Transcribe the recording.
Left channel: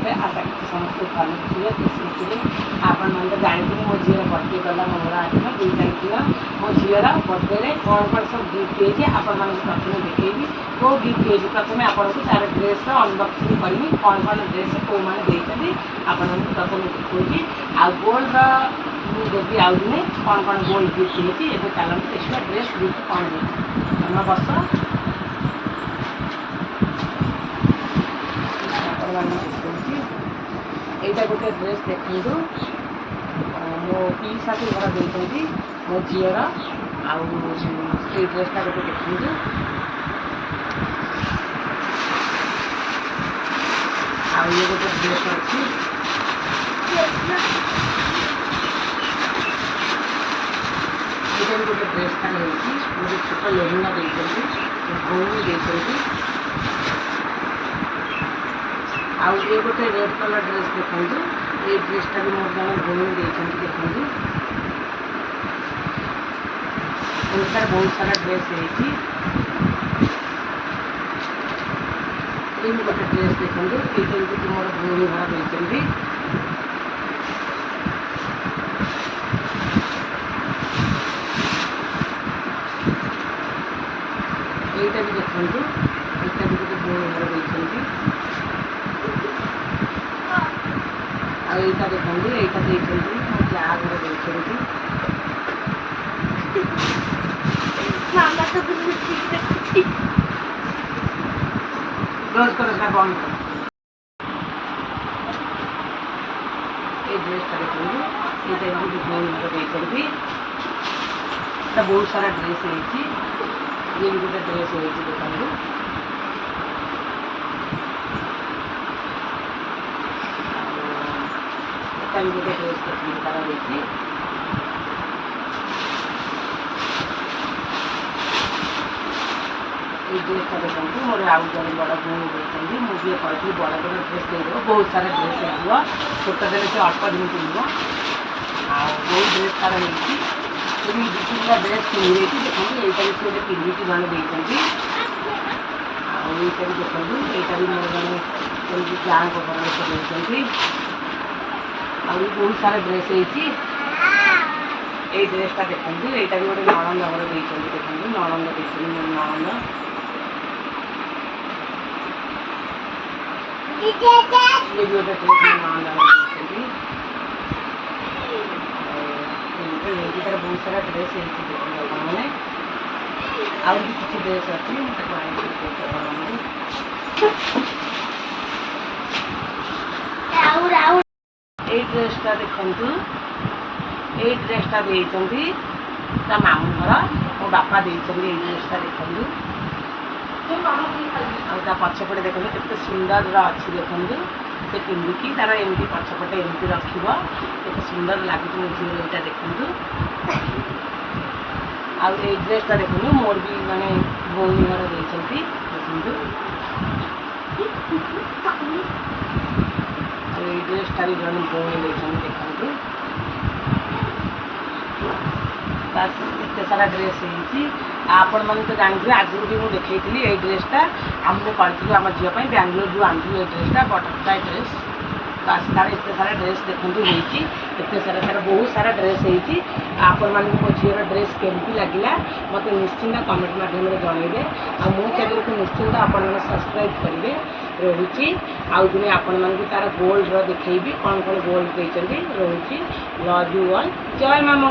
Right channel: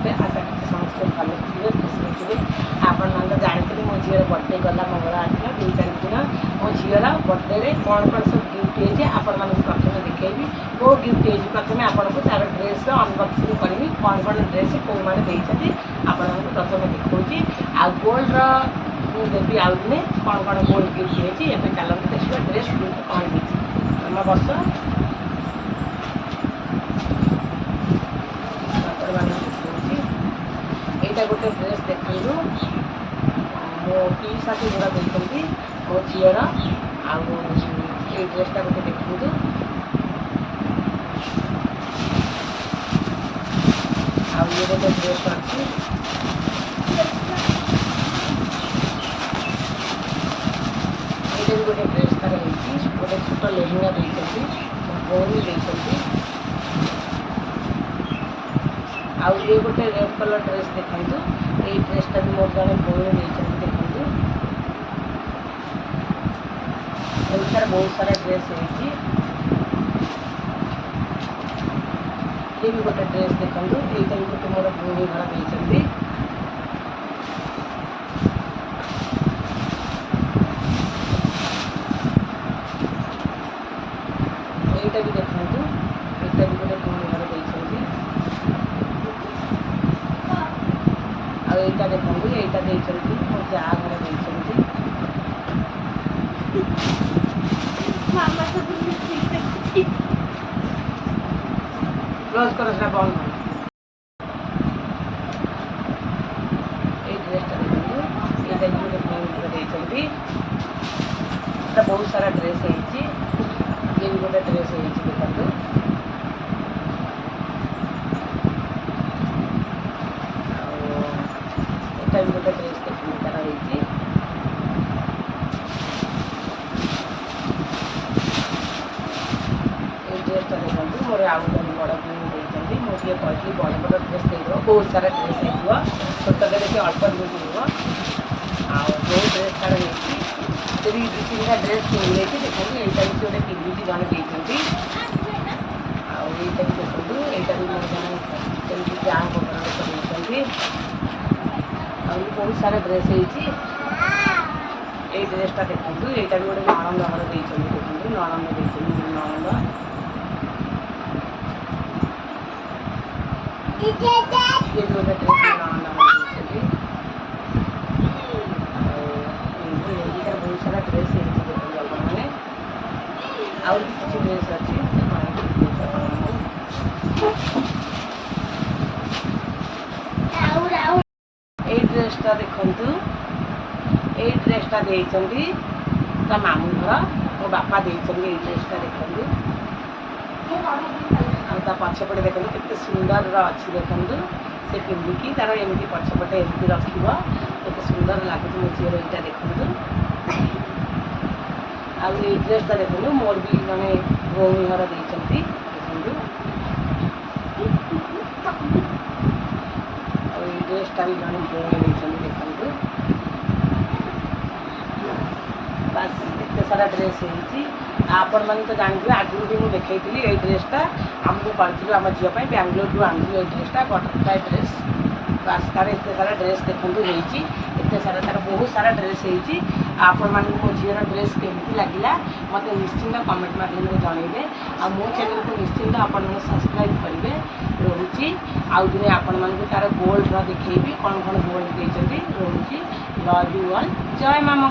समस्ते आशा करते समस्ते भल थे खुशी थे। आपण मैंने तो जानते मो झीर बर्थडे गला मंगलवार दिन 2 तारीख दिन मो झीर बर्थडे कौन कौन सब गिफ्ट होती आपण मैं प्रथम देखी कौ गिफ्ट होती प्रथम आपन को तार ड्रेस अनबक्सिंग करी कौन कौन ड्रेस कौ मैंने देती आपण प्रथम देखी आ गोल्ड देवी आउ दिन कौन कौन गोल्ड गिफ्ट होती है चलते देखिए ड्रेस गिफ्ट कौन होती तुम बस यहाँ गोटे ड्रेस देखु मो पी शाशु घर देखते मो झीर आउ ड्रेसटा गोटे देखु आउ ये गोटे ड्रेस अच्छी ये भी गोटे ड्रेस तार गोटे छोट लेहंगा देखते भौणी देखते आउ ये गोटे रेड कलर ड्रेस देखु ये ड्रेसटा भी मोर जन भौणी देखते देखु एमसार बहुत सारा ड्रेस है ये भी गोटे ड्रेस देखु ये भी गोटे मोर भौणी घर देखते यहीटा भी देखु यहाँ भी गोटे भौणी घर देखते आईटा देखते यहीटा देखते मो जा घर देखते क्लोज करो से बंद ये ड्रेसटा देखते ये गोटे भौणी घर देखते बहुत सारा ड्रेस है ये भी गोटे ड्रेस है देखो यहाँ भी गोटे ड्रेस देखिए तार रही ड्रेसटा देखते मोर आउ जन बड़ भौणी देखते मुझे कहती बड़ बड़ ड्रेस देव बहुत सारा ड्रेस हो छोट देवे से अल्प दिन पिंध बहुत ड्रेस तार है ये भी 2-3टा ड्रेस पिंधि देखते यहाँ भी गोटे पिंधिकी जन देखते आईटा भी देखो यहाँ भी मैंने जहाँ देखते बहुत सारा ड्रेस है ड्रेसटा देखो यहाँ भी गोटे नणंद घर देखते देखो नणंद देखते नणंद ये भी गोटे ड्रेस नणंद देखते तार बहुत सारा ड्रेस है देखो मैंने आउ किसी ड्रेस अच्छी ये ड्रेसटा देखु ये ड्रेसटा देती ता मामू घर मो बापा देते ये ड्रेसटा देखु आ पछपटे देखते केते सुंदर अच्छी देखते से पिंधिकी तार एमती पछपटे एमती रखिए केते सुंदर लगे मो झील यहाँ देखु आ ड्रेसटा देखु मोर भी माने भौणी घर देखते देखु ड्रेसटा भी जन भौणी देखते देखु बस इतने सारा ड्रेस है आपण मैंने तो जानते आगुरी भी मुझे देखी ये ड्रेसटा आमको करूँ आम झील बैंगलोर जो आनू ये ड्रेसटा बटरफ्लाई ड्रेस बस तार इतने सारा ड्रेस देखते होती इतने सारा तार बहुत सारा ड्रेस है आपण मैंने मो झील ड्रेस केमती लगे मत निश्चिंत कमेंट मध्यम जनइबे आ मो चैनल को निश्चिंत आपण मैंने सब्सक्राइब करेंगे रोचे आउ दिन आपण मानक तार गोल्ड देखेबी कौन कौन गोल्ड देते रोचे लव यू ऑल जय मामा।